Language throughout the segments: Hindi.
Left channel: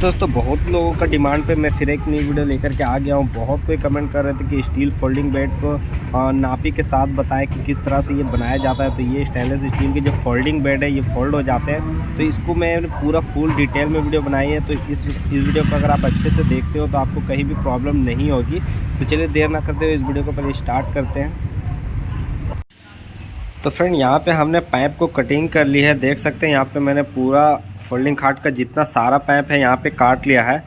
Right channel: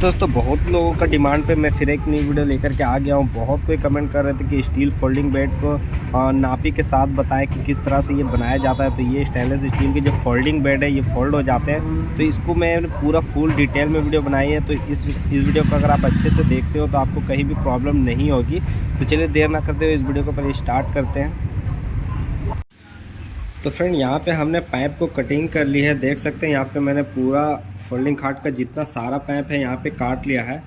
दोस्तों बहुत लोगों का डिमांड पे मैं फिर एक नई वीडियो लेकर के आ गया हूँ। बहुत कोई कमेंट कर रहे थे कि स्टील फोल्डिंग बेड को नापी के साथ बताएं कि किस तरह से ये बनाया जाता है। तो ये स्टेनलेस स्टील के जो फोल्डिंग बेड है ये फोल्ड हो जाते हैं। तो इसको मैं पूरा फुल डिटेल में वीडियो बनाई है। तो इस वीडियो को अगर आप अच्छे से देखते हो तो आपको कहीं भी प्रॉब्लम नहीं होगी। तो चलिए देर ना करते हुए इस वीडियो को पहले स्टार्ट करते हैं। तो फ्रेंड यहाँ पे हमने पाइप को कटिंग कर ली है। देख सकते हैं यहाँ पे मैंने पूरा फोल्डिंग खाट का जितना सारा पाइप है यहाँ पे काट लिया है।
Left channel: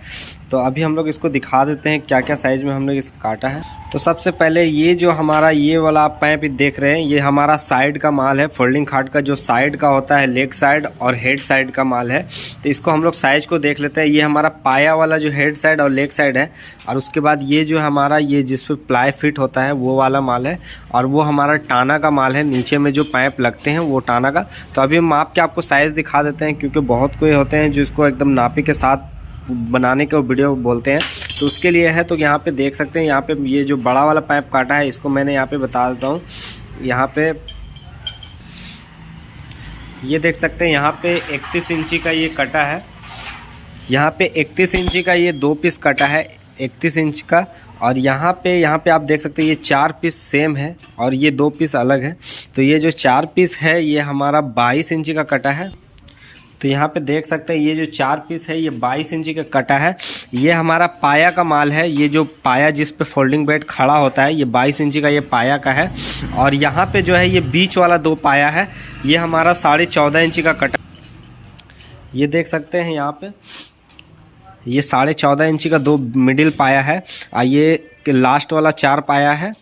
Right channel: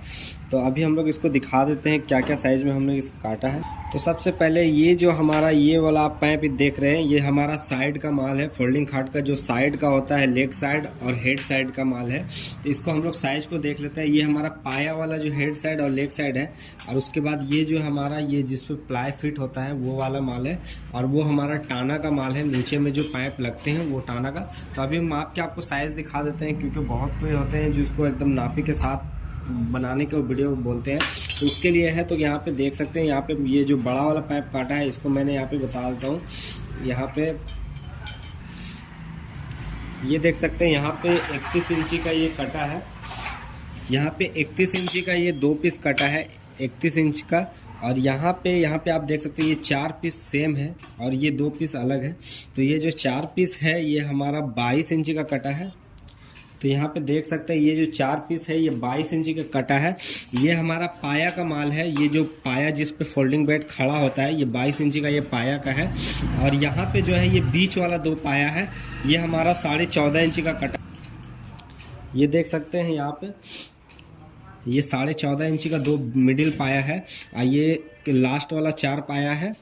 तो अभी हम लोग इसको दिखा देते हैं क्या क्या साइज़ में हम लोग इसको काटा है। तो सबसे पहले ये जो हमारा ये वाला आप पाइप देख रहे हैं ये हमारा साइड का माल है। फोल्डिंग खाट का जो साइड का होता है लेग साइड और हेड साइड का माल है। तो इसको हम लोग साइज को देख लेते हैं। ये हमारा पाया वाला जो हेड साइड और लेग साइड है, और उसके बाद ये जो हमारा ये जिस पे प्लाई फिट होता है वो वाला माल है, और वो हमारा टाना का माल है। नीचे में जो पाइप लगते हैं वो टाना का। तो अभी हम माप के आपको साइज़ दिखा देते हैं, क्योंकि बहुत कोई होते हैं जो इसको एकदम नापी के साथ बनाने के वीडियो बोलते हैं। तो उसके लिए है। तो यहाँ पे देख सकते हैं यहाँ पे ये जो बड़ा वाला पाइप काटा है इसको मैंने यहाँ पे बता देता हूँ। यहाँ पे ये देख सकते हैं यहाँ पे 31 इंची का ये कटा है। यहाँ पे 31 इंची का ये 2 पीस कटा है 31 इंच का। और यहाँ पे आप देख सकते हैं ये 4 पीस सेम है और ये 2 पीस अलग है। तो ये जो 4 पीस है ये हमारा 22 इंची का कटा है। तो यहाँ पे देख सकते हैं ये जो 4 पीस है ये 22 इंची का कटा है। ये हमारा पाया का माल है। ये जो पाया जिस पे फोल्डिंग बेड खड़ा होता है ये 22 इंची का ये पाया का है। और यहाँ पे जो है ये बीच वाला 2 पाया है, ये हमारा 14.5 इंची का कटा। ये देख सकते हैं यहाँ पे ये 14.5 इंची का 2 मिडिल पाया है। ये लास्ट वाला 4 पाया है।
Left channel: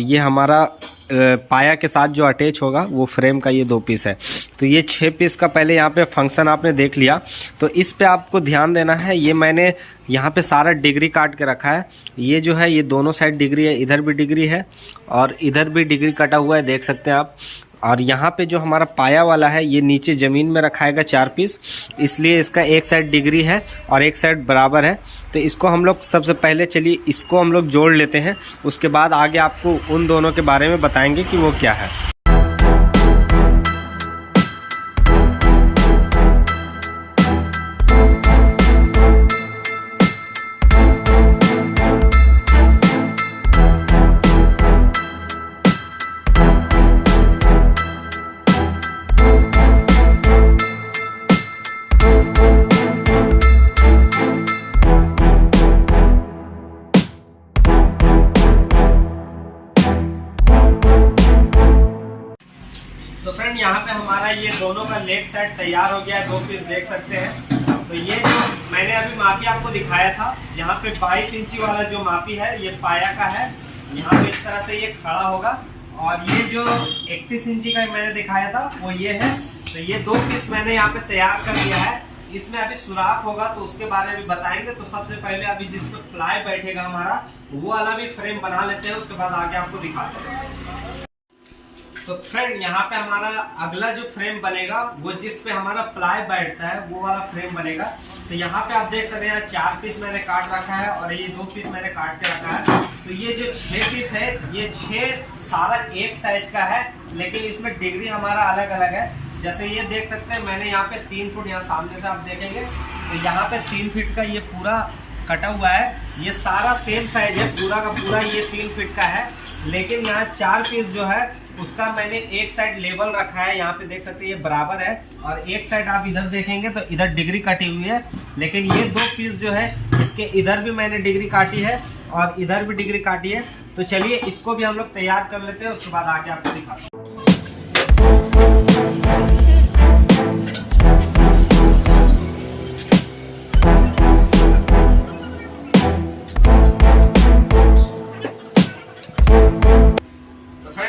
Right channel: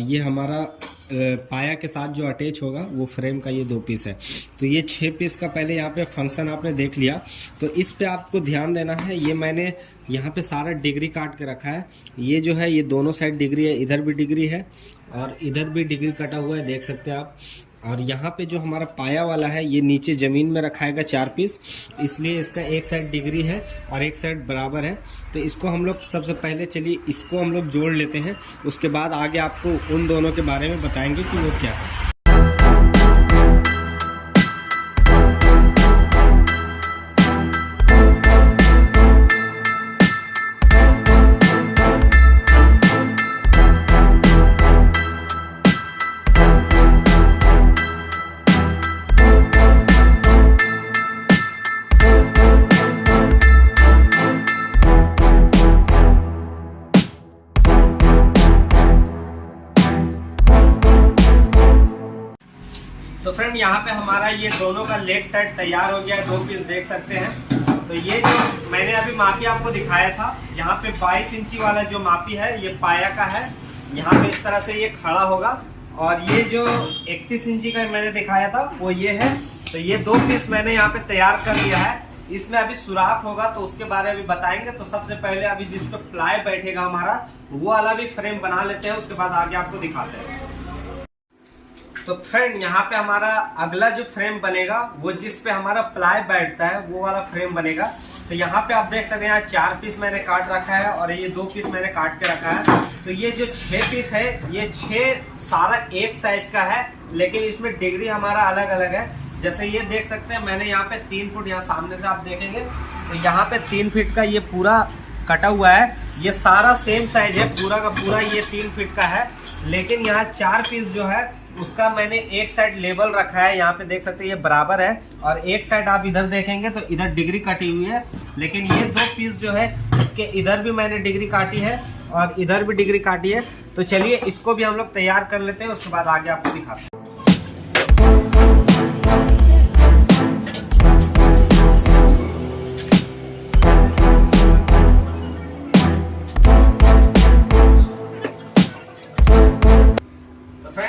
ये हमारा पाया के साथ जो अटैच होगा वो फ्रेम का ये 2 पीस है। तो ये 6 पीस का पहले यहाँ पे फंक्शन आपने देख लिया। तो इस पे आपको ध्यान देना है। ये मैंने यहाँ पे सारा डिग्री काट के रखा है। ये जो है ये दोनों साइड डिग्री है, इधर भी डिग्री है और इधर भी डिग्री कटा हुआ है, देख सकते हैं आप। और यहाँ पे जो हमारा पाया वाला है ये नीचे ज़मीन में रखाएगा 4 पीस, इसलिए इसका एक साइड डिग्री है और एक साइड बराबर है। तो इसको हम लोग सबसे पहले चलिए इसको हम लोग जोड़ लेते हैं। उसके बाद आगे आपको उन दोनों के बारे में बताएंगे कि वो क्या है। तो फ्रेंड यहाँ पे हमारा ये दोनों का लेग साइड तैयार हो गया है। 2 पीस देख सकते हैं। तो ये मैंने अभी मापी आपको दिखाया था। यहाँ पे 22 इंची वाला जो मापी है ये पाया का है। यहाँ पे इस तरह से ये खड़ा होगा। और ये जो 31 इंची का मैंने दिखाया था वो ये है। तो ये 2 पीस मैंने यहाँ पे तैयार कर लिया है। इसमें अभी सुराख होगा तो उसके बारे में भी बताएंगे। तो सबसे पहले अभी जिस पे प्लाई बैठेगा हमारा वो वाला भी फ्रेम बना लेते हैं, उसके बाद आगे आपको दिखाते हैं। तो फ्रेंड यहाँ पे हमारा अगला जो फ्रेम बनेगा वो जिस पे हमारा प्लाई बैठता है वो वाला फ्रेम बनेगा। तो यहाँ पे आप देख सकते हैं 4 पीस मैंने काट रखा है और ये 2 पीस मैंने काट के रखा है। तो ये जो 6 पीस है ये 6 सारा एक साइज का है, लेकिन इसमें डिग्री हमारा अलग अलग है। जैसे ये देख सकते हैं मैंने यहाँ पे 3 फुट, यहाँ सामने से आप देखेंगे तो यहाँ पे 3 फीट का ये पूरा कटा हुआ है। ये सारा सेम साइज है, पूरा का पूरा ये 3 फीट का है। लेकिन यहाँ 4 पीस जो है उसका मैंने एक साइड लेवल रखा है। यहाँ पे देख सकते हैं ये बराबर है, और एक साइड आप इधर देखेंगे तो इधर डिग्री कटी हुई है। लेकिन ये 2 पीस जो है इसके इधर भी मैंने डिग्री काटी है और इधर भी डिग्री काटी है। तो चलिए इसको भी हम लोग तैयार कर लेते हैं, उसके बाद आगे आपको दिखाते हैं।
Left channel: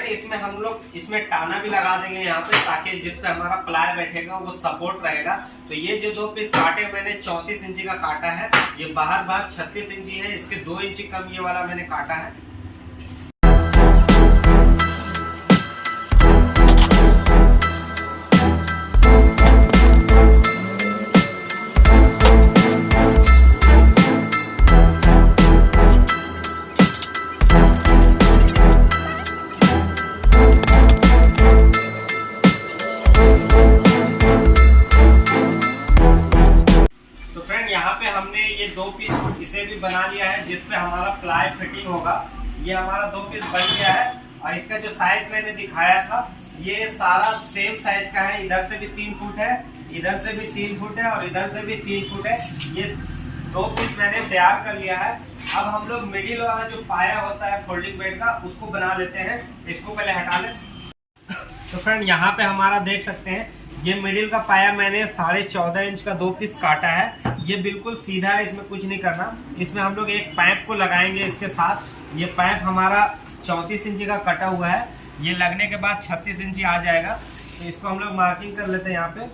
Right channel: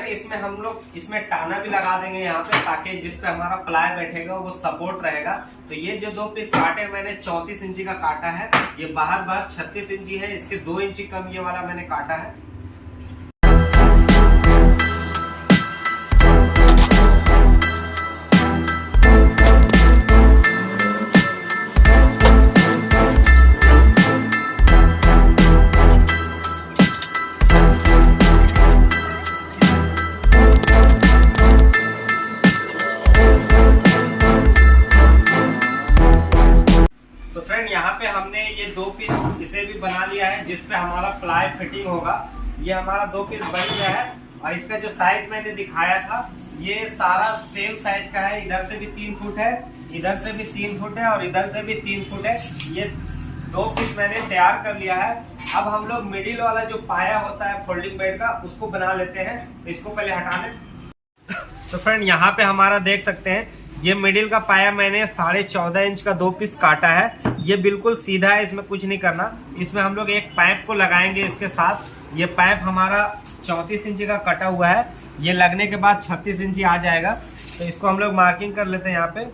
इसमें हम लोग इसमें टाना भी लगा देंगे यहाँ पे, ताकि जिस पे हमारा प्लाई बैठेगा वो सपोर्ट रहेगा। तो ये जो 2 पीस काटे मैंने 34 इंची का काटा है। ये बाहर 36 इंची है, इसके 2 इंची कम ये वाला मैंने काटा है। ये 2 पीस इसे भी बना लिया है, जिसपे हमारा प्लाई फिटिंग होगा। ये हमारा 2 पीस बन गया है और इसका जो साइज मैंने दिखाया था ये सारा सेम साइज का है। इधर से भी 3 फुट है, इधर से भी 3 फुट है और इधर से भी 3 फुट है। ये 2 पीस मैंने तैयार कर लिया है। अब हम लोग मिडिल वाला जो पाया होता है फोल्डिंग बेड का उसको बना लेते हैं। इसको पहले हटा लें। तो फ्रेंड यहाँ पे हमारा देख सकते हैं ये मिडिल का पाया मैंने 14.5 इंच का 2 पीस काटा है। ये बिल्कुल सीधा है, इसमें कुछ नहीं करना। इसमें हम लोग एक पाइप को लगाएंगे इसके साथ। ये पाइप हमारा 34 इंची का कटा हुआ है। ये लगने के बाद 36 इंची आ जाएगा। तो इसको हम लोग मार्किंग कर लेते हैं यहाँ पे।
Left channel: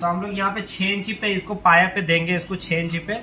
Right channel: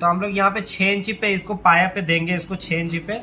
तो हम लोग यहाँ पे 6 इंची पे इसको पाया पे देंगे, इसको 6 इंची पे।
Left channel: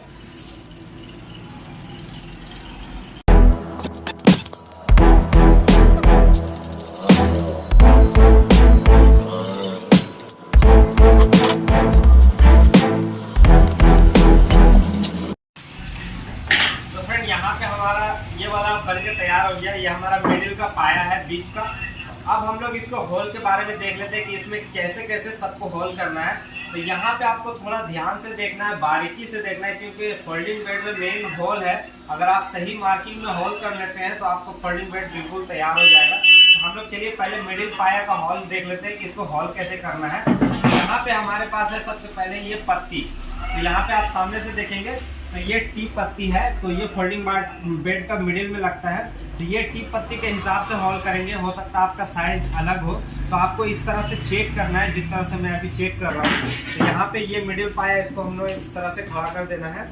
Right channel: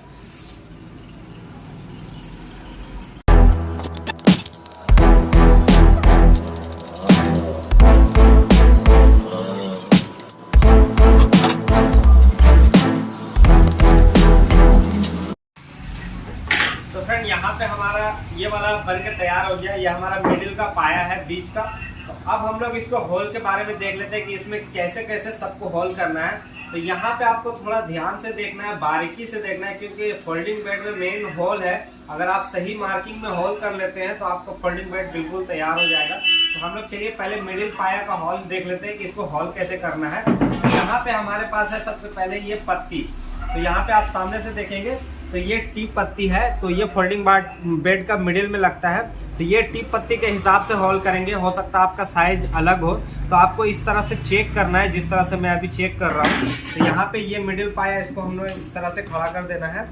तो फ्रेंड यहाँ पे हमारा ये वाला बनके तैयार हो गया। ये हमारा मिडिल का पाया है बीच का। तो अब हम लोग इसको होल के बारे में देख लेते हैं कि इसमें कैसे कैसे सबको होल करना है। तो यहाँ पे आपको थोड़ा ध्यान से देखना है, बारीकी से देखना है, क्योंकि फोल्डिंग बेड में मेन होल है। अगर आप सही मार्किंग में होल कर लेते हैं तो आपको फोल्डिंग बेड बिल्कुल तैयार हो जाएगा। तो हम लोग चलिए पहले मिडिल पाया का होल देख लेते हैं कि इसको होल कैसे करना है। यहाँ पे हमारे पास है सबसे पहले ये पत्ती। तो यहाँ पे आप सामने से देखेंगे तो ये टीप पत्ती है। तो ये फोल्डिंग बेड का मिडिल में लगता है। तो ये टीप पत्ती के हिसाब से होल करेंगे। हो सकता है आपका साइज अलग हो, तो आपको इस तरह से चेक करना है, जिस तरह से मैं अभी चेक कर रहा हूँ। तो यहाँ पे ये मिडिल पाया, इसको हम लोग इस तरह से खड़ा कर देना है।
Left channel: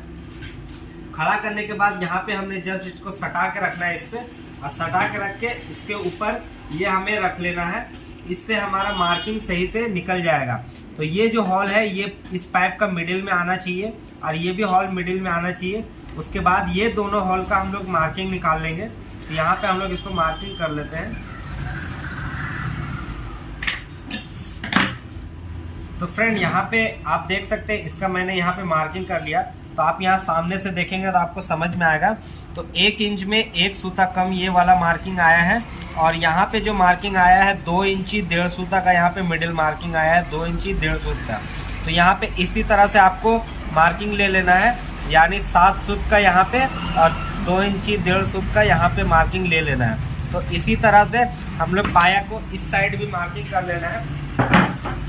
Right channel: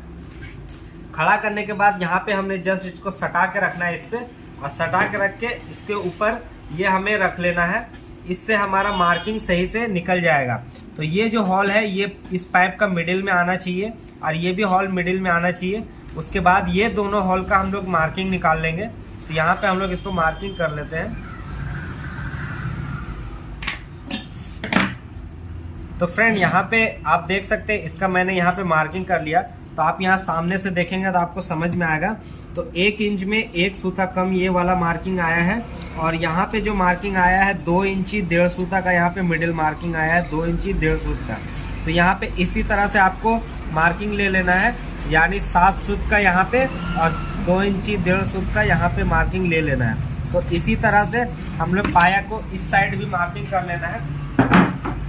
खड़ा करने के बाद यहाँ पे हमने जस्ट इसको सटा के रखना है इस पे, और सटा के रख के इसके ऊपर ये हमें रख लेना है। इससे हमारा मार्किंग सही से निकल जाएगा। तो ये जो हॉल है ये इस पाइप का मिडिल में आना चाहिए और ये भी हॉल मिडिल में आना चाहिए। उसके बाद ये दोनों हॉल का हम लोग मार्किंग निकाल लेंगे। तो यहाँ पे हम लोग इसको मार्किंग कर लेते हैं। तो फ्रेंड यहाँ पे आप देख सकते हैं इसका मैंने यहाँ पे मार्किंग कर लिया। तो आप यहाँ सामने से देखेंगे तो आपको समझ में आएगा। तो 1 इंच में 1 सूता कम ये वाला मार्किंग आया है। और यहाँ पे जो मार्किंग आया है 2 इंची 1.5 सूता का, यहाँ पे मिडिल मार्किंग आया है 2 इंची 1.5 सूता। तो यहाँ पे इसी तरह से आपको मार्किंग ले लेना है, यानी 7 सूत का यहाँ पे और 2 इंची 1.5 सूत का यहाँ पे मार्किंग ले लेना है। तो इसी तरह से हम लोग पाया को इस साइड भी मार्किंग कर लेना है।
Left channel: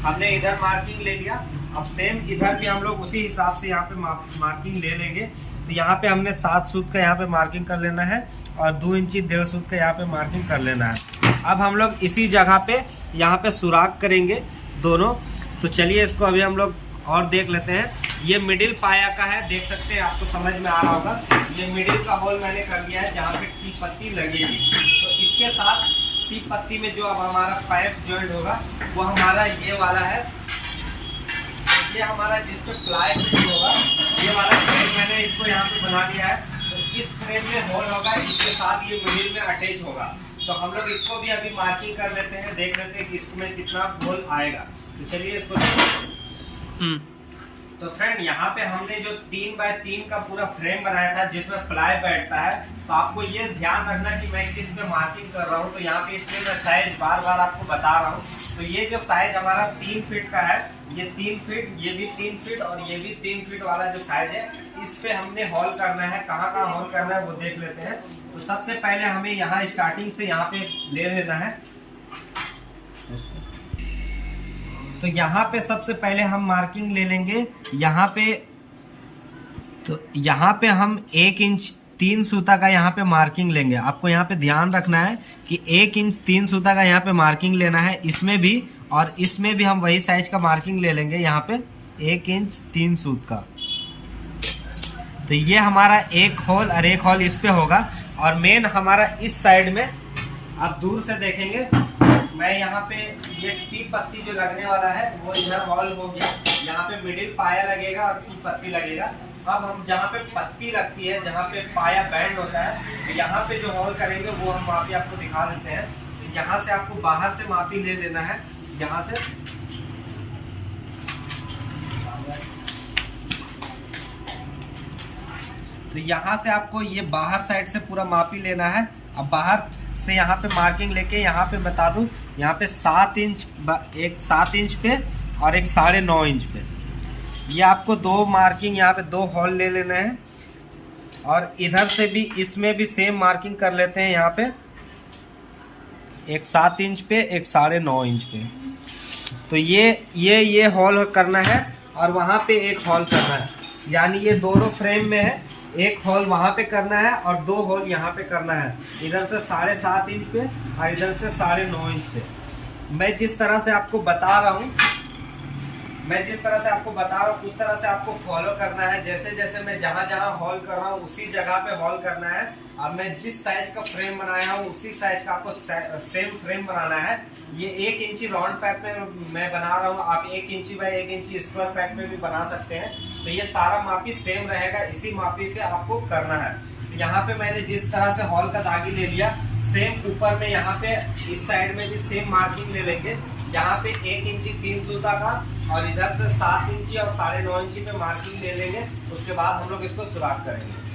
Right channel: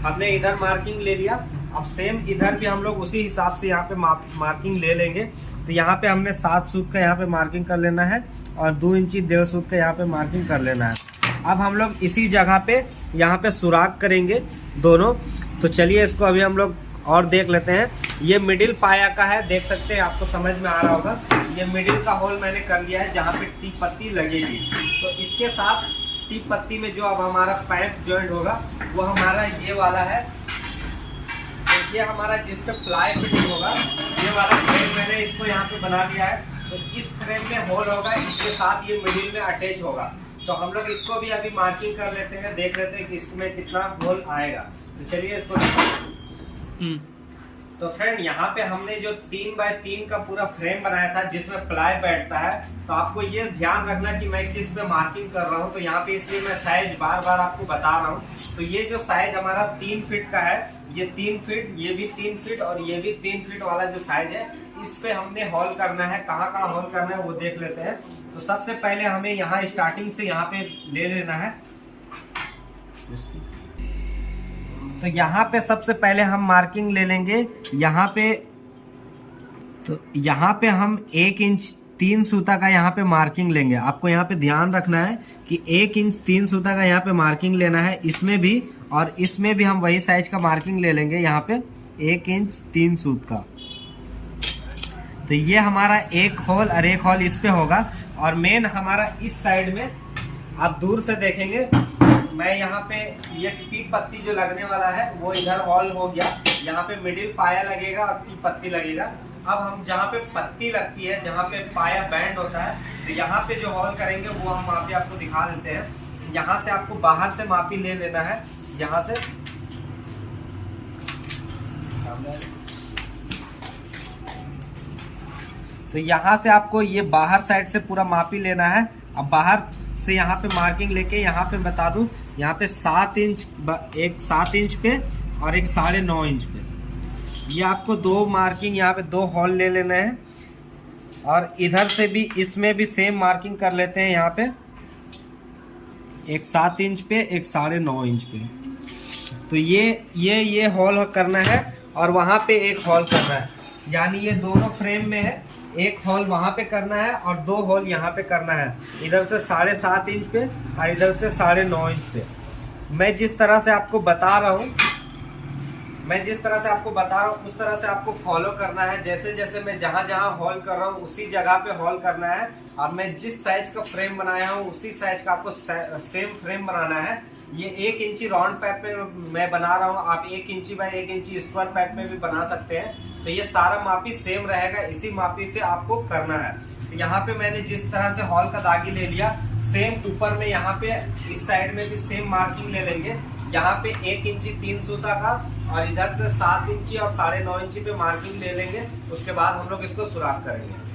हमने इधर मार्किंग ले लिया, अब सेम इधर भी हम लोग उसी हिसाब से यहाँ पे मार्किंग ले लेंगे। तो यहाँ पे हमने 7 सूत का यहाँ पे मार्किंग कर लेना है और 2 इंची 1.5 सूत का यहाँ पे मार्किंग कर लेना है। अब हम लोग इसी जगह पे यहाँ पे सुराख करेंगे दोनों। तो चलिए इसको अभी हम लोग और देख लेते हैं। ये मिडिल पाया का है, देख सकते हैं, आपको समझ में आ रहा होगा। ये मिडिल का होल मैंने कर लिया है जहाँ पे टीप पत्ती लगेगी। तो इसके साथ टीप पत्ती में जो अब हमारा पाइप ज्वाइंट होगा वो हमारा ये वाला है। तो ये हमारा जिस पे प्लाई फिटिंग होगा ये वाला फ्रेम मैंने इसको यहाँ पे बना दिया है। तो इस फ्रेम में होल होगा, इसके साथ ये मिडिल में अटैच होगा। तो हम लोग इसको भी अभी मार्किंग कर लेते हैं, देख लेते हैं कि इसमें कितना होल आएगा। तो चलिए इसको तो फ्रेंड यहाँ पे हमने जो 3 बाय 3 का पूरा फ्रेम बनाया था जिसमें प्लाई बैठता है। तो आपको ये ध्यान रखना कि मैं किस पे मार्किंग कर रहा हूँ। तो यहाँ पे इसलिए मैं साइज बार बार आपको बता रहा हूँ। तो ये जो साइज हमारा 3 फीट का है, ये 3 फीट, ये भी 3 फीट और ये भी 3 फीट वाला जो साइज है, इस पे हमने होल करना है। कहाँ कहाँ होल करना है वो देख लेते हैं। तो सबसे पहले हमें यहाँ स्टार्टिंग से यहाँ पे ले लेना है। तो यहाँ पे सबसे पहले हम मार्किंग ले लेंगे यहाँ पे। तो यहाँ पे हम 1 इंच 3 सूता का यहाँ पे मार्किंग लेंगे। आपको यहाँ पे ध्यान रखना है कि 1 इंच 3 सूता का यहाँ पे मार्किंग लेना है, इसमें भी और इसमें भी हम वही साइज का मार्किंग ले लेंगे यहाँ पे 1 इंच 3 सूत का। तो ये हमारा एक होल और एक होल इस पे होगा। और मेन हमारा इस साइड में आप दूर से देखेंगे, मैं यहाँ पे ये टीप पत्ती जो लगने वाला है वो इधर होल हो गया। यहाँ पे मिडिल पाया लगेगा और टीप पत्ती लगेगा। अब हम जहाँ पे पत्ती लगती है, जहाँ पे पाया बैंड होता है, तो यहाँ पे जो होल करेंगे वो हम मापी आपको दिखा देते हैं। तो यहाँ से आपको बाहर से मापी ले लेना है, यहाँ से तो यहाँ से आपको ये बाहर साइड से पूरा मापी लेना है। अब बाहर से यहाँ पे मार्किंग लेके यहाँ पे बता दूं, यहाँ पे 7 इंच, एक 7 इंच पे और एक 9.5 इंच पे। ये आपको 2 मार्किंग यहाँ पे 2 होल ले लेने हैं, और इधर से भी इसमें भी सेम मार्किंग कर लेते हैं। यहाँ पे एक 7 इंच पे, एक 9.5 इंच पे। तो ये होल करना है, और वहाँ पे एक होल करना है, यानी ये दोनों फ्रेम में है। एक होल वहाँ पे करना है और 2 होल यहाँ पे करना है, इधर से 7.5 इंच पे और इधर से 9.5 इंच पे। मैं जिस तरह से आपको बता रहा हूँ उस तरह से आपको फॉलो करना है। जैसे जैसे मैं जहाँ जहाँ होल कर रहा हूँ उसी जगह पे होल करना है। अब मैं जिस साइज का फ्रेम बनाया हूँ उसी साइज का आपको सेम फ्रेम बनाना है। ये 1 इंची राउंड पैप में मैं बना रहा हूँ, आप 1 इंची बाय 1 इंची स्क्वायर पैप में भी बना सकते हैं। तो ये सारा मापी सेम रहेगा, इसी मापी से आपको करना है। तो यहाँ पे मैंने जिस तरह से हॉल का दागी ले लिया, सेम ऊपर में यहाँ पे इस साइड में भी सेम मार्किंग ले लेंगे। यहाँ पे 1 इंची 3 सूता का, और इधर से 7 इंची और 9.5 इंची पे मार्किंग ले लेंगे। उसके बाद हम लोग इसको सुराख करेंगे।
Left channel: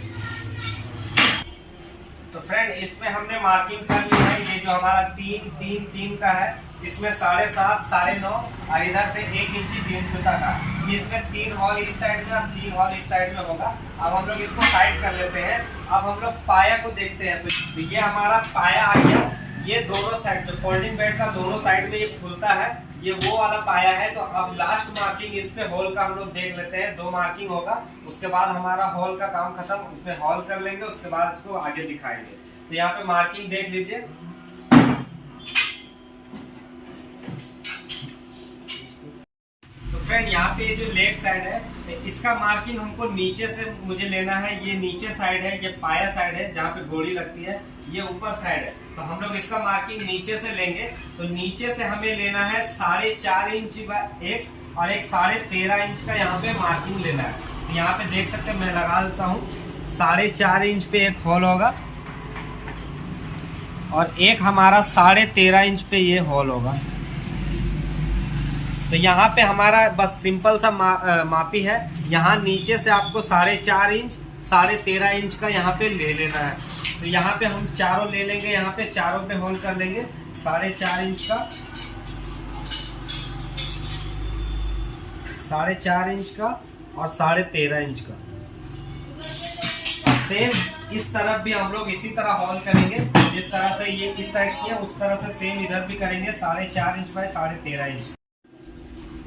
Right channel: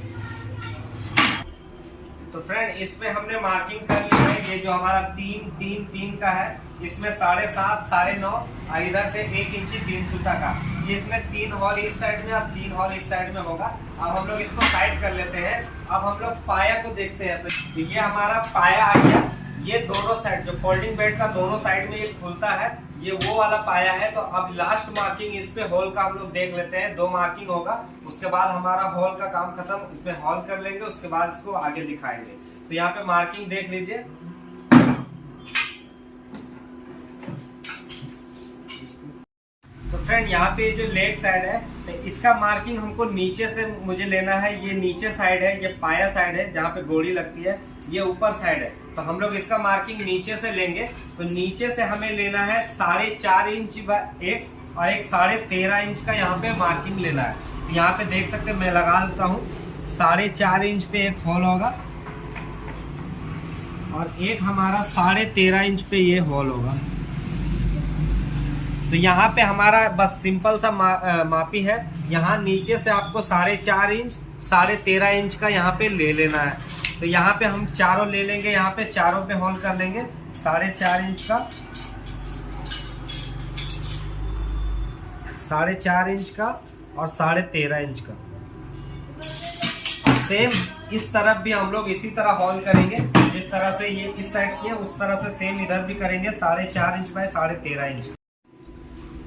तो फ्रेंड, इस पे हमने मार्किंग कर ली है। ये जो हमारा 3 का है, इसमें 7.5, 9.5 और इधर से 1 इंची 3 सूता का। ये इसमें 3 हॉल इस साइड में और 3 हॉल इस साइड में होगा। अब हम लोग इसको साइड कर लेते हैं। अब हम लोग पाया को देखते हैं। तो ये हमारा पाया आ गया। ये दोनों साइड, जो फोल्डिंग बेड का दोनों साइड में ये खुलता है, ये वो वाला पाया है। तो अब लास्ट मार्किंग इस पे होल का हम लोग देख लेते हैं। 2 मार्किंग होगा, उसके बाद हमारा होल का काम खत्म। उसमें होल कर लेंगे, उसके बाद इसको आगे दिखाएंगे। तो यहाँ पे मार्किंग देख लीजिए। तो फ्रेंड, यहाँ पे जो लेग साइड है, तो इसका मार्किंग हमको नीचे से मुझे लेना है। ये नीचे साइड है, ये पाया साइड है जहाँ पे गोली लगती है, ये ऊपर साइड है। तो हम लोग इसका मार्किंग नीचे से लेंगे। तो नीचे से हमें लेना है 4.5 इंच बाय 1 और एक 13.5 इंच का यहाँ पे मार्किंग लेना है। तो यहाँ पे देख सकते हैं, मैं लगा देता हूँ। 4.5 इंच पे एक होल होगा, और एक हमारा 13.5 इंच पे ये होल होगा। तो यहाँ पे हमारा बस सिंपल सा मापी है। यहाँ नीचे से आपको 4.5 इंच 13.5 इंच का यहाँ पे ले लेना है। तो यहाँ पे हम चारों ले लेंगे, यहाँ पे चारों पे होल कर लेंगे 4.5 इंच का, 4.5 इंच का और 13.5 इंच का। सेम इस तरफ भी हम लोग इसी तरह होल करेंगे। जिस तरह से ये इस साइड किया, उस तरह से सेम इधर भी करेंगे 4.5 इंच बाय 13.5 इंच।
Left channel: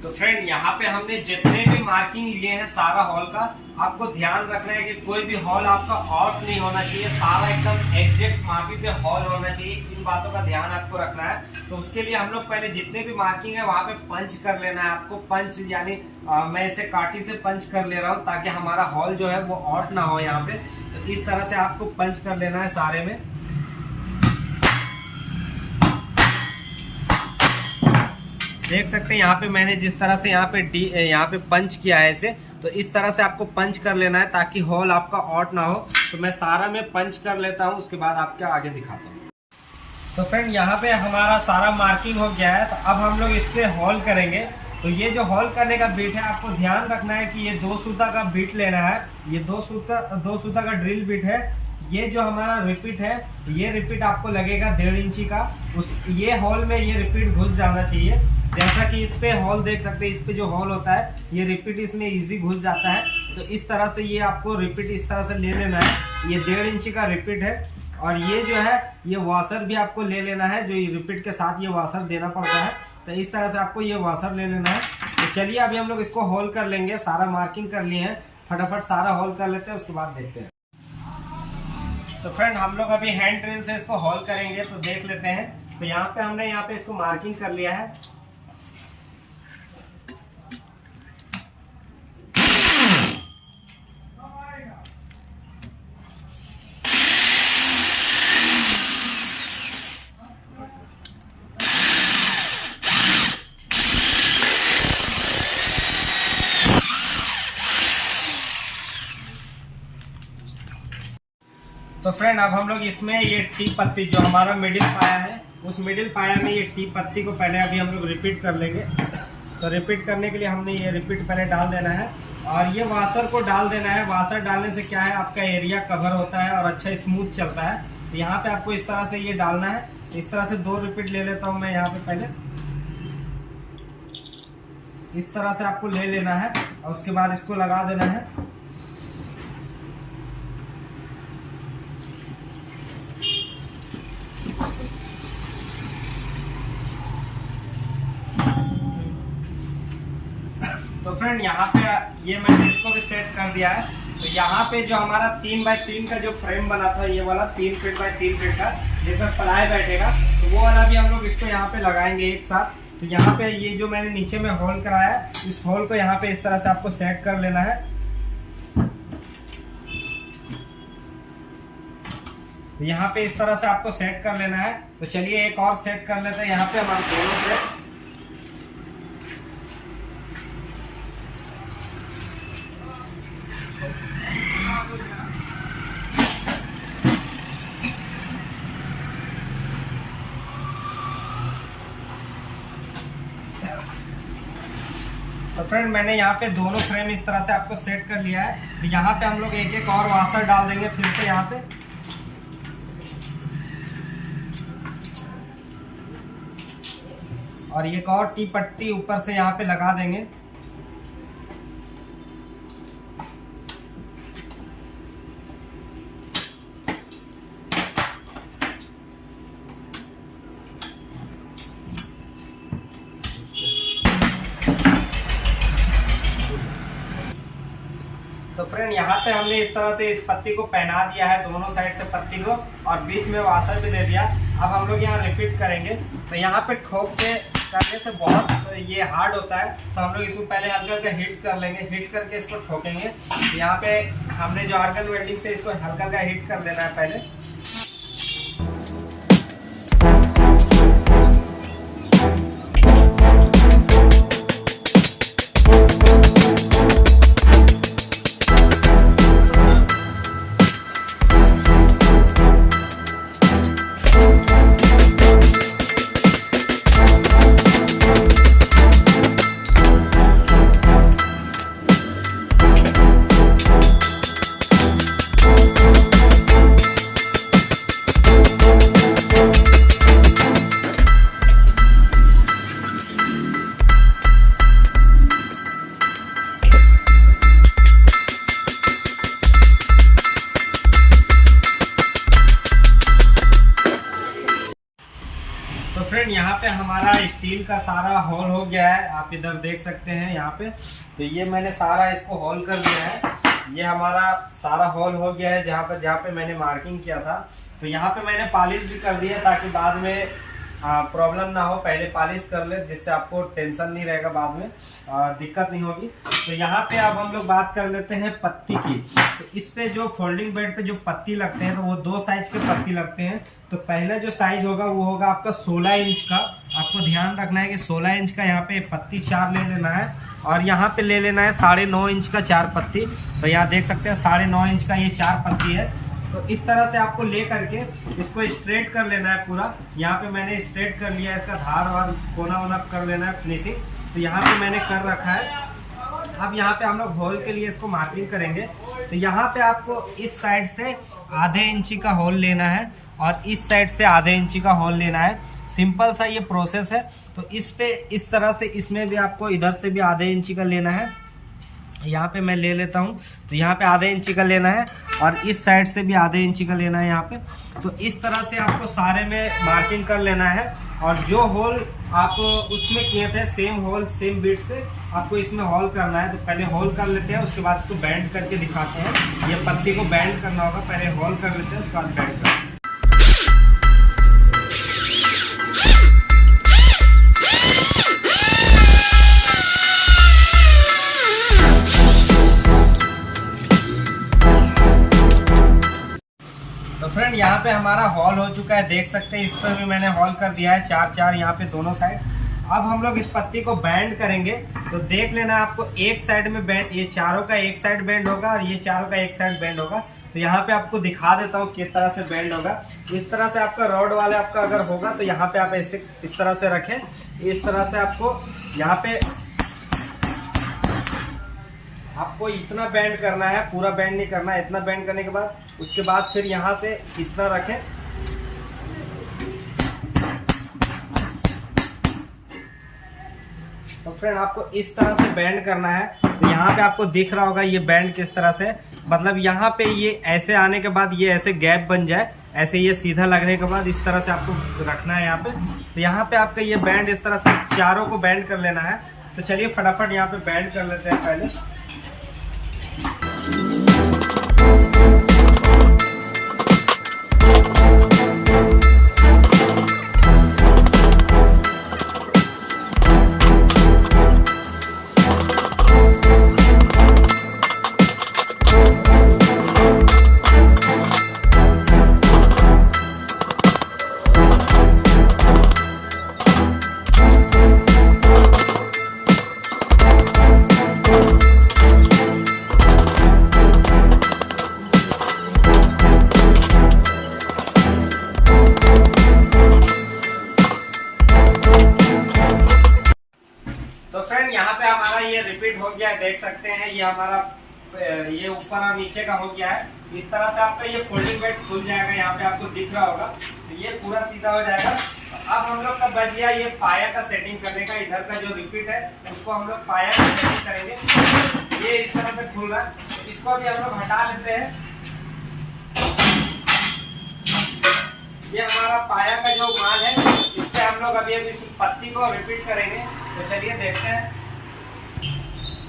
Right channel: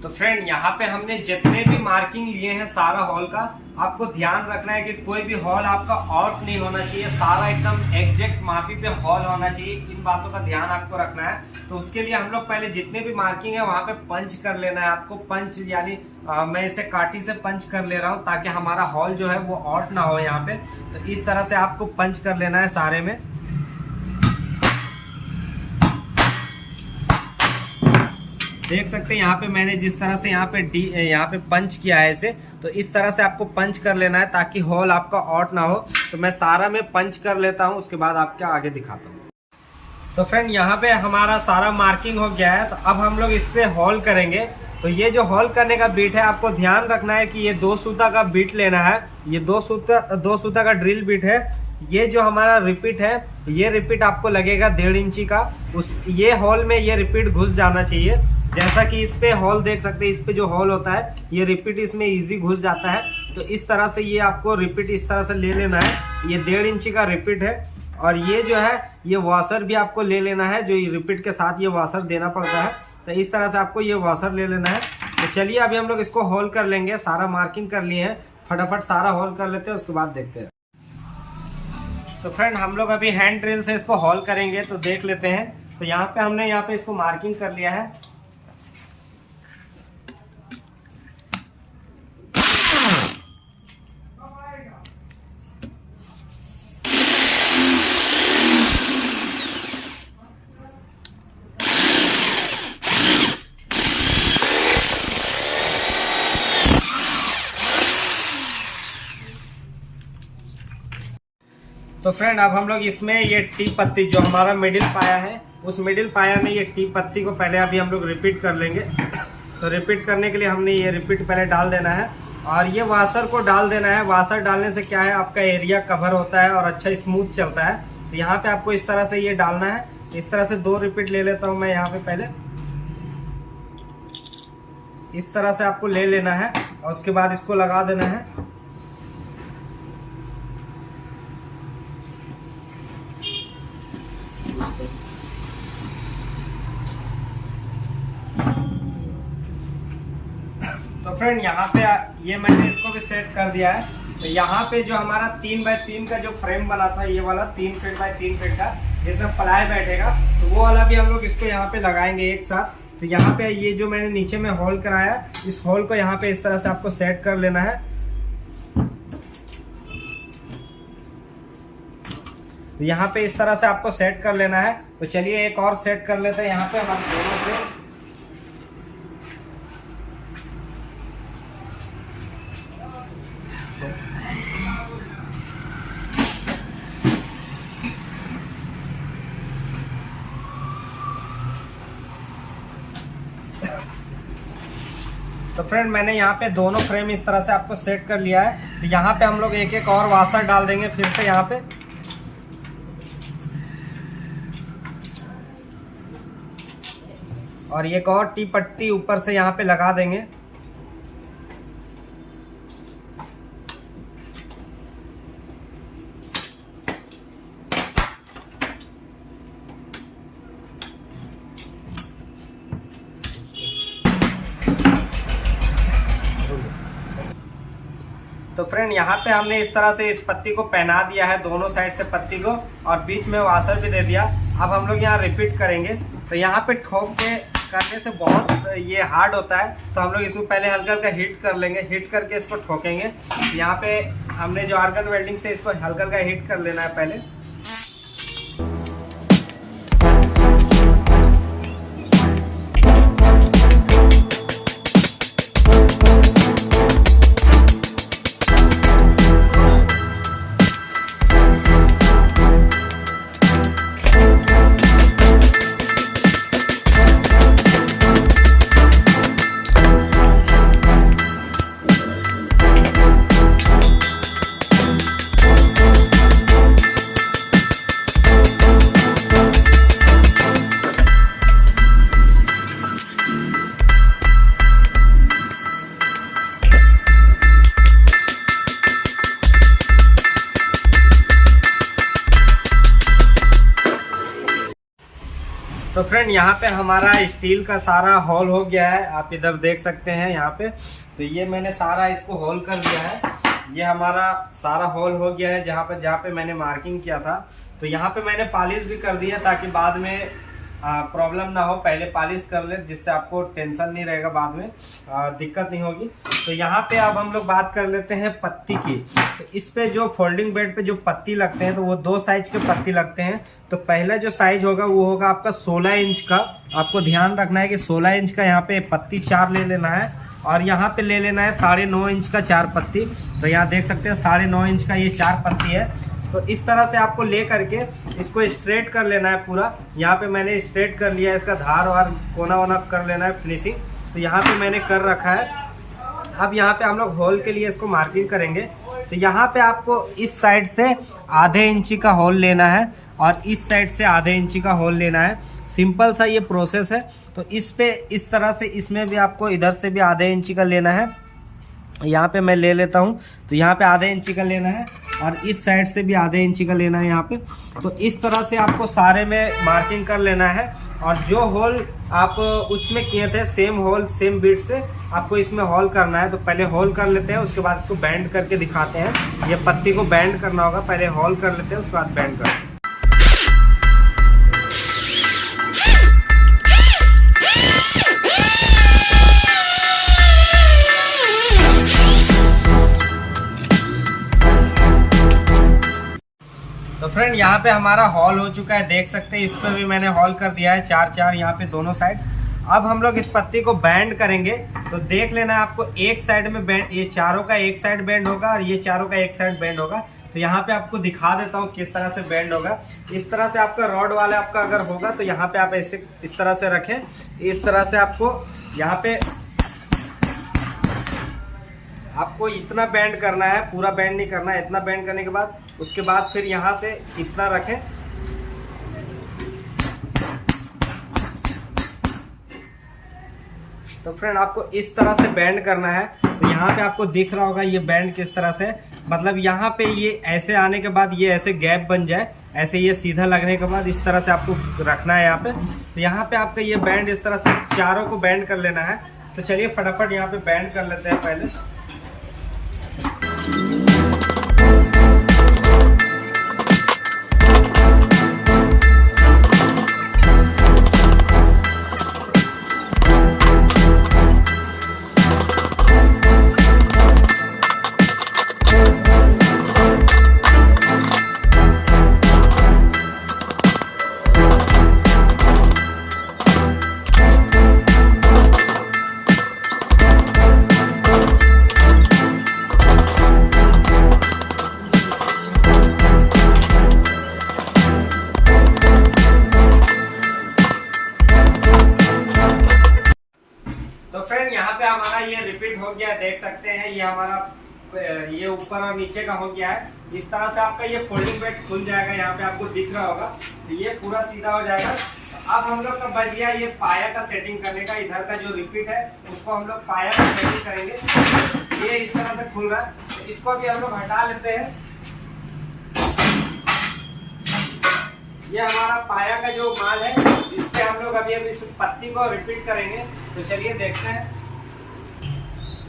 तो फ्रेंड, यहाँ पे हमने जितने भी मार्किंग लिए हैं सारा हॉल का, आपको ध्यान रखना है कि कोई भी हॉल आपका ऑफ नहीं होना चाहिए। सारा एकदम एग्जैक्ट मापी पे हॉल होना चाहिए। इन बातों का ध्यान आपको रखना है। तो उसके लिए हम लोग पहले जितने भी मार्किंग है वहाँ पे पंच कर लेना है आपको। पंच यानी मैं इसे काटी से पंच कर ले रहा हूँ, ताकि हमारा हॉल जो है वो ऑट ना हो यहाँ पे। तो इस तरह से आपको पंच कर लेना है सारे में। देख सकते हैं यहाँ पे मैंने जिस तरह से यहाँ पे पंच किया है इसे। तो इस तरह से आपको पंच कर लेना है, ताकि होल आपका ऑट ना हो। तो मैं सारा में पंच कर लेता हूँ, उसके बाद आपके आगे दिखाता हूँ। तो फ्रेंड, यहाँ पे हमारा सारा मार्किंग हो गया है। तो अब हम लोग इससे होल करेंगे। तो ये जो होल करने का बीट है, आपको ध्यान रखना है कि ये 2 सूता का बीट लेना है। ये 2 सूता का ड्रिल बीट है। ये जो हमारा रिपीट है, ये रिपीट आपको लगेगा 1.5 इंची का। ये होल में ये रिपीट घुस जाना चाहिए। जैसा कि इस पे होल देख सकते हैं, इस पे जो होल होता है, ये रिपीट इसमें इजी घुस जाता है। तो इस तरह से ये आपको रिपीट इस तरह से ले लेना है। ये 1.5 इंची का रिपीट है। और ये जो है, ये वॉशर भी आपको ले लेना है, जो ये रिपीट के साथ ये वॉशर देना पड़ता है। तो इस तरह से आपको ये वॉशर ले लेना है। तो चलिए अभी हम लोग इसको होल कर लेंगे। सारा मार्किंग कर लिए हैं, फटाफट सारा होल कर लेते हैं, उसके बाद देखते हैं। तो फ्रेंड, हम लोग अभी हैंड ड्रिल से इसको होल करेंगे। तो देख लेते हैं। तो यहाँ पे हमने यहाँ पे इसको मार्किंग कर लिया है। तो फ्रेंड, अब हम लोग इसमें ये टी पत्ती जो हमारा मिडिल पाया है, उस मिडिल पाया में ये टी पत्ती को पहले अभी हम लोग रिपीट कर लेंगे। तो रिपीट करने के लिए हमने ये रिपीट पहले डाल देना है, और ये वाशर को डाल देना है। वाशर डालने से क्या है, आपका एरिया कवर होता है और अच्छा स्मूथ चलता है। तो यहाँ पे आपको इस तरह से ये डालना है। इस तरह से 2 रिपीट ले लेता हूँ मैं यहाँ पे। पहले इस तरह से आपको ले लेना है, और उसके बाद इसको लगा देना है। तो फ्रेंड यहाँ पे ये मैंने इसको भी सेट कर दिया है। तो यहाँ पे जो हमारा 3x3 का जो फ्रेम बना था, ये वाला 3 फीट बाय 3 फीट का, जैसा प्लाई बैठेगा, तो वो वाला भी हम लोग इसको यहाँ पे लगाएंगे एक साथ। तो यहाँ पे ये जो मैंने नीचे में होल कराया है, इस होल को यहाँ पे इस तरह से आपको सेट कर लेना है। तो यहाँ पे इस तरह से आपको सेट कर लेना है। तो चलिए एक और सेट कर लेते हैं यहाँ पे हमारे दोनों से। तो फ्रेंड मैंने यहाँ पे दोनों फ्रेम इस तरह से आपको सेट कर लिया है। तो यहाँ पे हम लोग एक एक और वाशर डाल देंगे फिर से यहाँ पे। और एक और टी पट्टी ऊपर से यहाँ पे लगा देंगे। तो फ्रेंड यहाँ पे हमने इस तरह से इस पत्ती को पहना दिया है, दोनों साइड से पत्ती को, और बीच में वाशर भी दे दिया। अब हम लोग यहाँ रिपीट करेंगे। तो यहाँ पे ठोक के करने से बहुत ये हार्ड होता है, तो हम लोग इसको पहले हल्का हल्का हीट कर लेंगे। हीट करके इसको ठोकेंगे। यहाँ पे हमने जो आर्गन वेल्डिंग से इसको हल्का हल्का हीट कर लेना है पहले। तो फ्रेंड यहाँ पे हमारा स्टील का सारा होल हो गया है, आप इधर देख सकते हैं यहाँ पे। तो ये मैंने सारा इसको होल कर दिया है। ये हमारा सारा होल हो गया है जहाँ पे मैंने मार्किंग किया था। तो यहाँ पे मैंने पॉलिश भी कर दिया ताकि बाद में प्रॉब्लम ना हो। पहले पॉलिश कर ले, जिससे आपको टेंशन नहीं रहेगा, बाद में दिक्कत नहीं होगी। तो यहाँ पे अब हम लोग बात कर लेते हैं पत्ती की। तो इस पे जो फोल्डिंग बेड पे जो पत्ती लगते हैं, तो वो 2 साइज के पत्ती लगते हैं। तो पहला जो साइज होगा वो होगा आपका 16 इंच का। आपको ध्यान रखना है कि 16 इंच का यहाँ पे पत्ती 4 ले लेना है, और यहाँ पे ले लेना है 9.5 इंच का 4 पत्ती। तो यहाँ देख सकते हैं 9.5 इंच का ये 4 पत्ती है। तो इस तरह से आपको ले करके इसको स्ट्रेट कर लेना है पूरा। यहाँ पे मैंने स्ट्रेट कर लिया है, इसका धार और कोना वोना कर लेना है फिनिशिंग। तो यहाँ पे मैंने कर रखा है। अब यहाँ पे हम लोग होल के लिए इसको मार्किंग करेंगे। तो यहाँ पे आपको इस साइड से आधे इंची का होल लेना है और इस साइड से आधे इंची का होल लेना है। सिंपल सा ये प्रोसेस है। तो इस पे इस तरह से इसमें भी आपको इधर से भी आधे इंची का लेना है। यहाँ पे मैं ले लेता हूँ। तो यहाँ पे आधे इंची का लेना है और इस साइड से भी आधे इंची का लेना है यहाँ पे। तो इस तरह से आपको सारे में मार्किंग कर लेना है। और जो होल आप उसमें किए थे, सेम होल सेम बीट से आपको इसमें होल करना है। तो पहले होल कर लेते हैं, उसके बाद इसको बैंड करके दिखाते हैं। ये पत्ती को बैंड करना होगा, पहले होल कर लेते हैं, उसके बाद बैंड करते हैं। तो फ्रेंड यहाँ पे हमारा हॉल हो चुका है, देख सकते हैं। इस पर भी मैंने हॉल कर दिया है 4-4 यहाँ पे दोनों साइड। अब हम लोग इस पत्ती को बैंड करेंगे। तो देख लेना आपको एक साइड में बैंड, ये चारों का एक साइड बैंड होगा और ये चारों का एक साइड बैंड होगा। तो यहाँ पे आपको दिखा देता हूँ किस तरह से बैंड होगा। इस तरह से आपका रॉड वाला आपका अगर होगा तो यहाँ पे आप ऐसे इस तरह से रखें। इस तरह से आपको यहाँ पे आपको इतना बैंड करना है, पूरा बैंड नहीं करना है। इतना बैंड करने के बाद उसके बाद फिर यहाँ से इतना रखें। तो फ्रेंड आपको इस तरह से बैंड करना है। तो यहाँ पे आपको दिख रहा होगा ये बैंड किस तरह से, मतलब यहाँ पे ये ऐसे आने के बाद ये ऐसे गैप बन जाए, ऐसे ये सीधा लगने के बाद इस तरह से आपको रखना है यहाँ पे। तो यहाँ पे आपका ये बैंड इस तरह से चारों को बैंड कर लेना है। तो चलिए फटाफट यहाँ पे बैंड कर लेते हैं पहले। यहाँ पे हमारा ये रिपीट हो गया है, देख सकते हैं ये हमारा ये ऊपर और नीचे का हो गया है। इस तरह से आपका ये फोल्डिंग बेड खुल जाएगा, यहाँ पे आपको दिख रहा होगा। तो ये पूरा सीधा हो जाएगा। अब हम लोग का बच गया ये पाया का सेटिंग करने का। इधर का जो रिपीट है उसको हम लोग पाया का सेटिंग करेंगे। ये इस तरह से खुल रहा है, तो इसको अभी हम लोग हटा लेते हैं। ये हमारा पाया का जो माल है, इस पे हम लोग अभी इस पत्ती को रिपीट करेंगे। तो चलिए देखते हैं।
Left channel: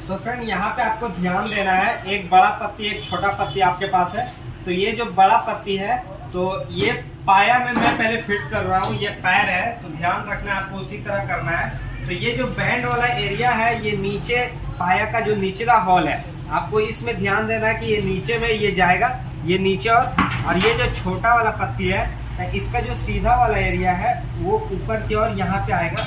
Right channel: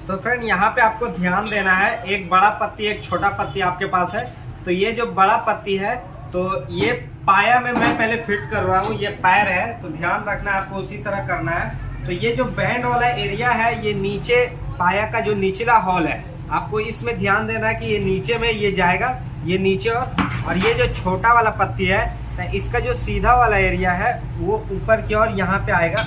तो फ्रेंड यहाँ पे आपको ध्यान देना है, एक बड़ा पत्ती एक छोटा पत्ती आपके पास है। तो ये जो बड़ा पत्ती है तो ये पाया में मैं पहले फिट कर रहा हूँ, ये पैर है, तो ध्यान रखना है आपको, उसी तरह करना है। तो ये जो बैंड वाला एरिया है, ये नीचे पाया का जो निचला हॉल है, आपको इसमें ध्यान देना है कि ये नीचे में ये जाएगा, ये नीचे। और ये जो छोटा वाला पत्ती है, इसका जो सीधा वाला एरिया है वो ऊपर की ओर यहाँ पे आएगा।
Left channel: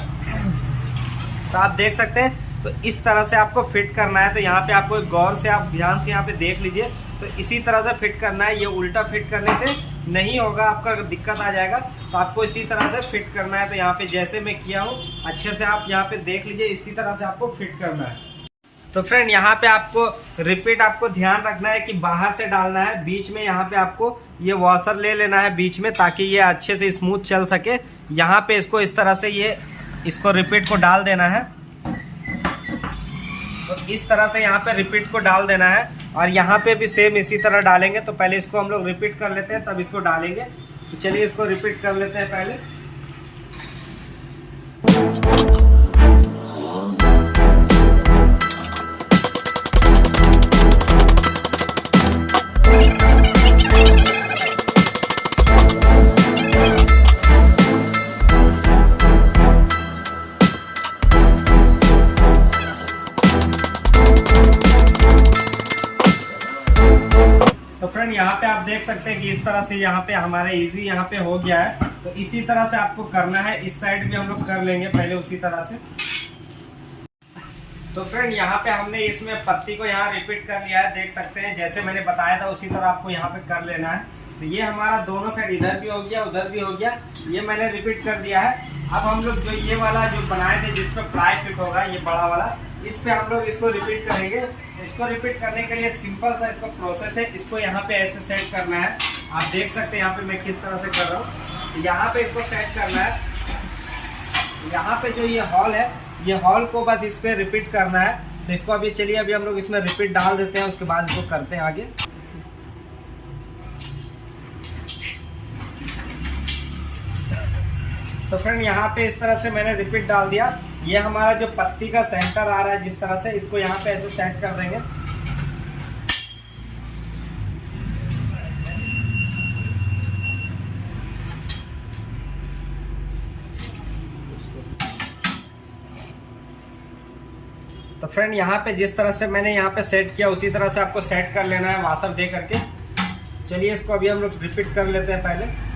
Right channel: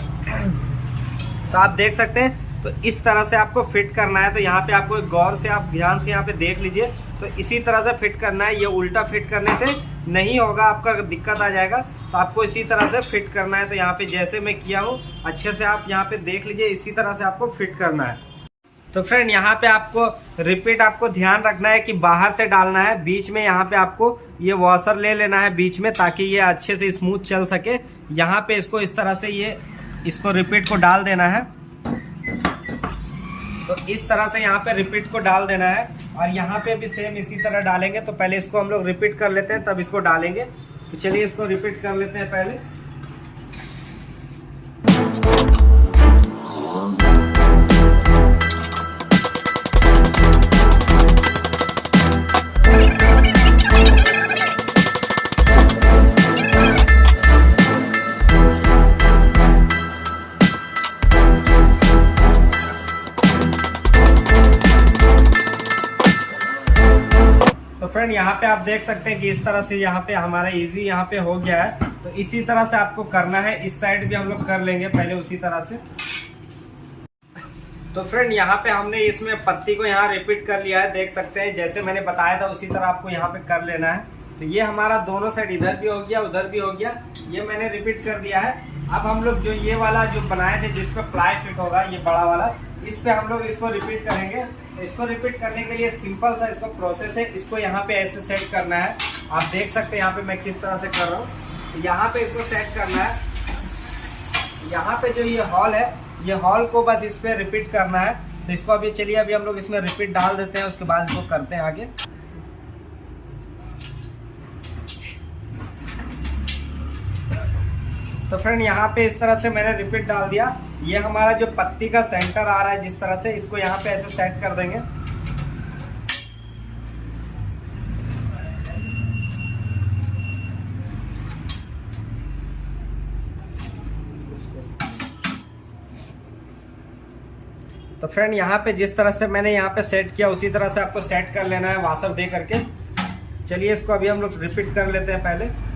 तो आप देख सकते हैं, तो इस तरह से आपको फिट करना है। तो यहाँ पे आपको गौर से आप ध्यान से यहाँ पे देख लीजिए। तो इसी तरह से फिट करना है, ये उल्टा फिट करने से नहीं होगा, आपका दिक्कत आ जाएगा। तो आपको इसी तरह से फिट करना है। तो यहाँ पे जैसे मैं किया हूँ अच्छे से आप यहाँ पे देख लीजिए, इसी तरह से आपको फिट करना है। तो फ्रेंड यहाँ पे आपको रिपीट आपको ध्यान रखना है कि बाहर से डालना है, बीच में यहाँ पे आपको ये वॉशर ले लेना है बीच में, ताकि ये अच्छे से स्मूथ चल सके। यहाँ पे इसको इस तरह से इसको रिपीट को डाल देना है। तो इस तरह से यहाँ पे रिपीट को डाल देना है। और यहाँ पे भी सेम इसी तरह डालेंगे। तो पहले इसको हम लोग रिपीट कर लेते हैं, तब इसको डालेंगे। तो चलिए इसको रिपीट कर लेते हैं पहले। फ्रेंड यहाँ पे आप देख सकते हैं कि इस तरह से यहाँ पे हमारा इजी यहाँ पे हो गया है। तो इसी तरह से आपको करना है, इस साइड भी हम लोग कर लेंगे पहले उसी तरह से। तो फ्रेंड यहाँ पे हमने इसमें पत्ती को यहाँ रिपीट कर लिया है, देख सकते हैं जैसे मैंने बताया था उसी तरह आपको यहाँ पे कर लेना है। तो ये हमारा दोनों साइड, इधर भी हो गया उधर भी हो गया, ये मैंने रिपीट कर दिया है। अब हम लोग जो ये वाला जो बनाए थे जिसपे प्लाई फिट होगा, ये बड़ा वाला, इस पे हम लोग इसको रिपीट करेंगे। इसको रिपीट करने के लिए सिंपल सा इसको प्रोसेस है। इसको यहाँ पे ऐसे सेट करना है, आप देख सकते हैं यहाँ पे मैं किस तरह से कर रहा हूँ। तो यहाँ पे इसको सेट करना है। यहाँ पे जो ये हॉल है, ये हॉल को बस इस पे रिपीट करना है। तो इसको अभी चलिए अभी हम लोग इसमें रिपीट डाल देते हैं, उसके बाद इसको करते हैं आगे। तो फ्रेंड यहाँ पे इस तरह से मैंने रिपीट डाल दिया। ये हमारा जो पत्ती का सेंटर आ रहा है जिस तरह से, इसको यहाँ पे ऐसे सेट कर देंगे। तो फ्रेंड यहाँ पे जिस तरह से मैंने यहाँ पे सेट किया उसी तरह से आपको सेट कर लेना है वाशर दे करके। चलिए इसको अभी हम लोग रिपीट कर लेते हैं पहले।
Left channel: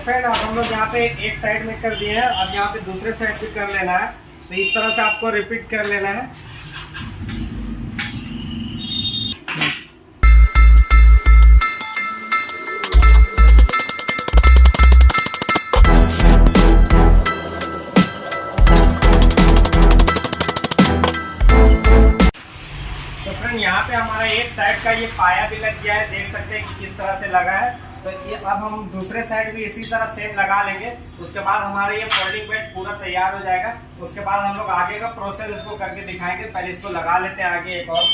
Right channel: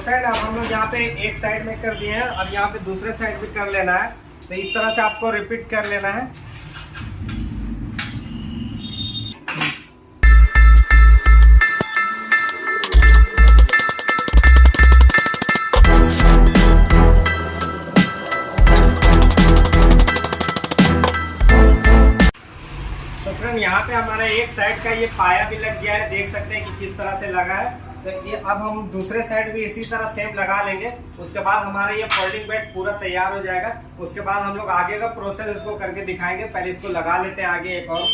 फ्रेंड अब हम लोग यहाँ पे एक साइड में कर दिए हैं, अब यहाँ पे दूसरे साइड भी कर लेना है। तो इस तरह से आपको रिपीट कर लेना है। फ्रेंड यहाँ पे हमारा एक साइड का ये पाया भी लग गया है, देख सकते हैं कि किस तरह से लगा है। तो ये अब हम दूसरे साइड भी इसी तरह सेम लगा लेंगे। उसके बाद हमारा ये फोल्डिंग बेड पूरा तैयार हो जाएगा। उसके बाद हम लोग आगे का प्रोसेस इसको करके दिखाएंगे। पहले इसको लगा लेते हैं आगे एक और।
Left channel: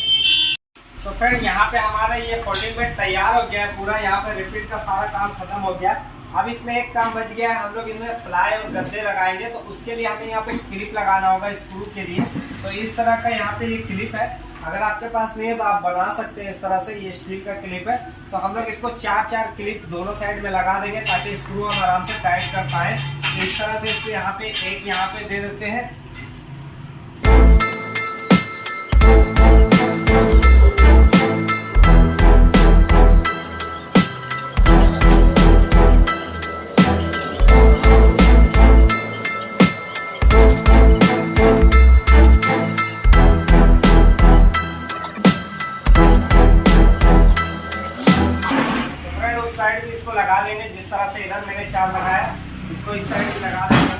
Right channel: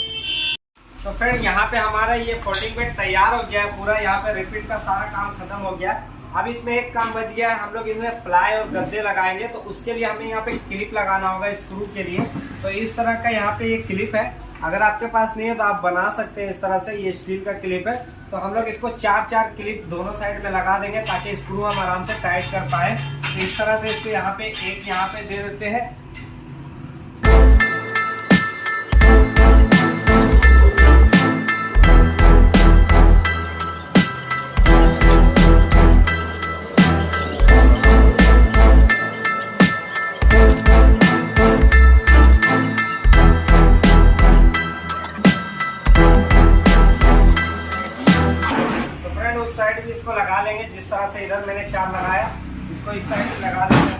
तो फ्रेंड यहाँ पे हमारा ये फोल्डिंग बेड तैयार हो गया है पूरा। यहाँ पे रिपीट का सारा काम खत्म हो गया है। अब इसमें एक काम बच गया है, हम लोग इसमें प्लाई और गद्दे लगाएंगे। तो उसके लिए हमें यहाँ पे क्लिप लगाना होगा स्क्रू के लिए। तो इस तरह का यहाँ पे ये क्लिप है, अगर आपके पास नहीं है तो आप बना सकते हैं इस तरह से। ये स्टील का क्लिप है। तो हम लोग इसको 4-4 क्लिप दोनों साइड में लगा देंगे ताकि स्क्रू हम आराम से टाइट कर पाए। तो इस तरह से इसको यहाँ पे एक यहाँ पे दे देते हैं। साइड भी इसको लगा लेंगे जिस तरह से इधर मैंने 4 लगाया, इसको इस साइड से लगा देंगे।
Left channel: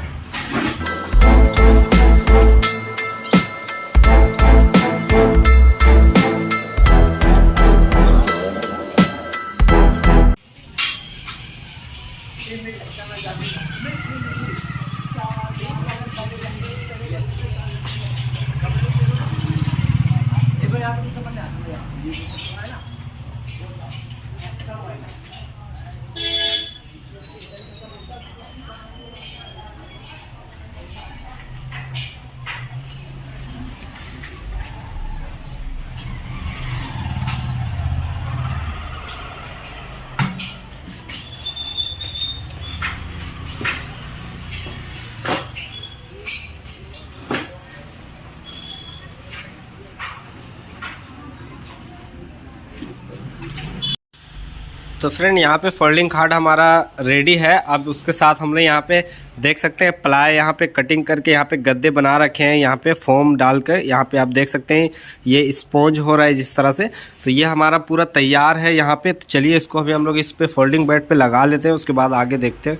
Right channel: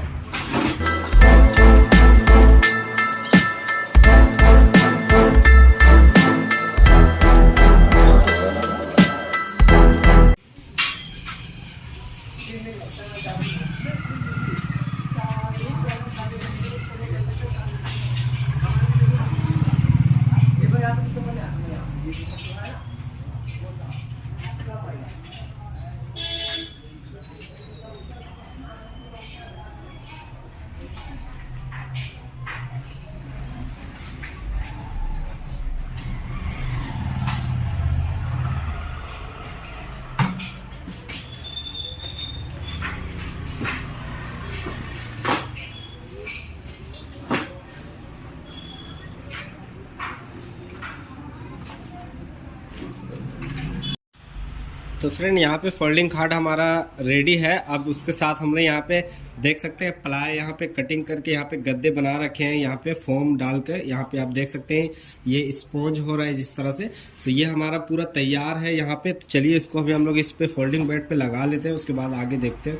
तो फ्रेंड यहाँ पे फोल्डिंग खाट हमारा रेडी है। अब उसके साथ हमने यहाँ पे देख सकते हैं प्लाई यहाँ पे कटिंग करके यहाँ पे गद्दे बना रखे हैं। यहाँ पे फोम डालकर यहाँ पे आप देख सकते हैं ये स्पॉन्ज हो रहा है जिस तरह से। तो ये हमारा पूरा तैयार है यहाँ पे। तो चलिए इसको अभी हम लोग इस पे फोल्डिंग बेड पे लगा लेते हैं, उसके बाद आगे देखते हैं।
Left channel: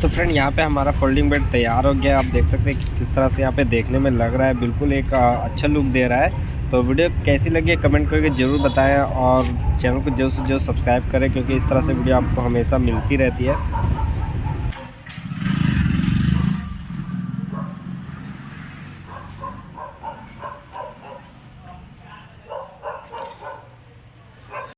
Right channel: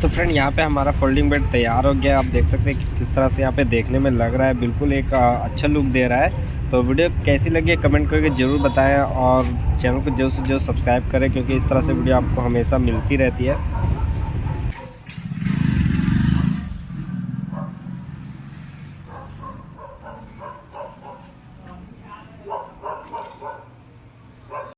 तो फ्रेंड यहाँ पे हमारा फोल्डिंग बेड तैयार हो गया। आप देख सकते हैं कि किस तरह से यहाँ पे देखने में लग रहा है, बिल्कुल एक अच्छा लुक दे रहा है। तो वीडियो कैसी लगी कमेंट करके ज़रूर बताएं और चैनल को जल्द से जल्द सब्सक्राइब करें, क्योंकि इस तरह से वीडियो आपको हमेशा मिलती रहती है।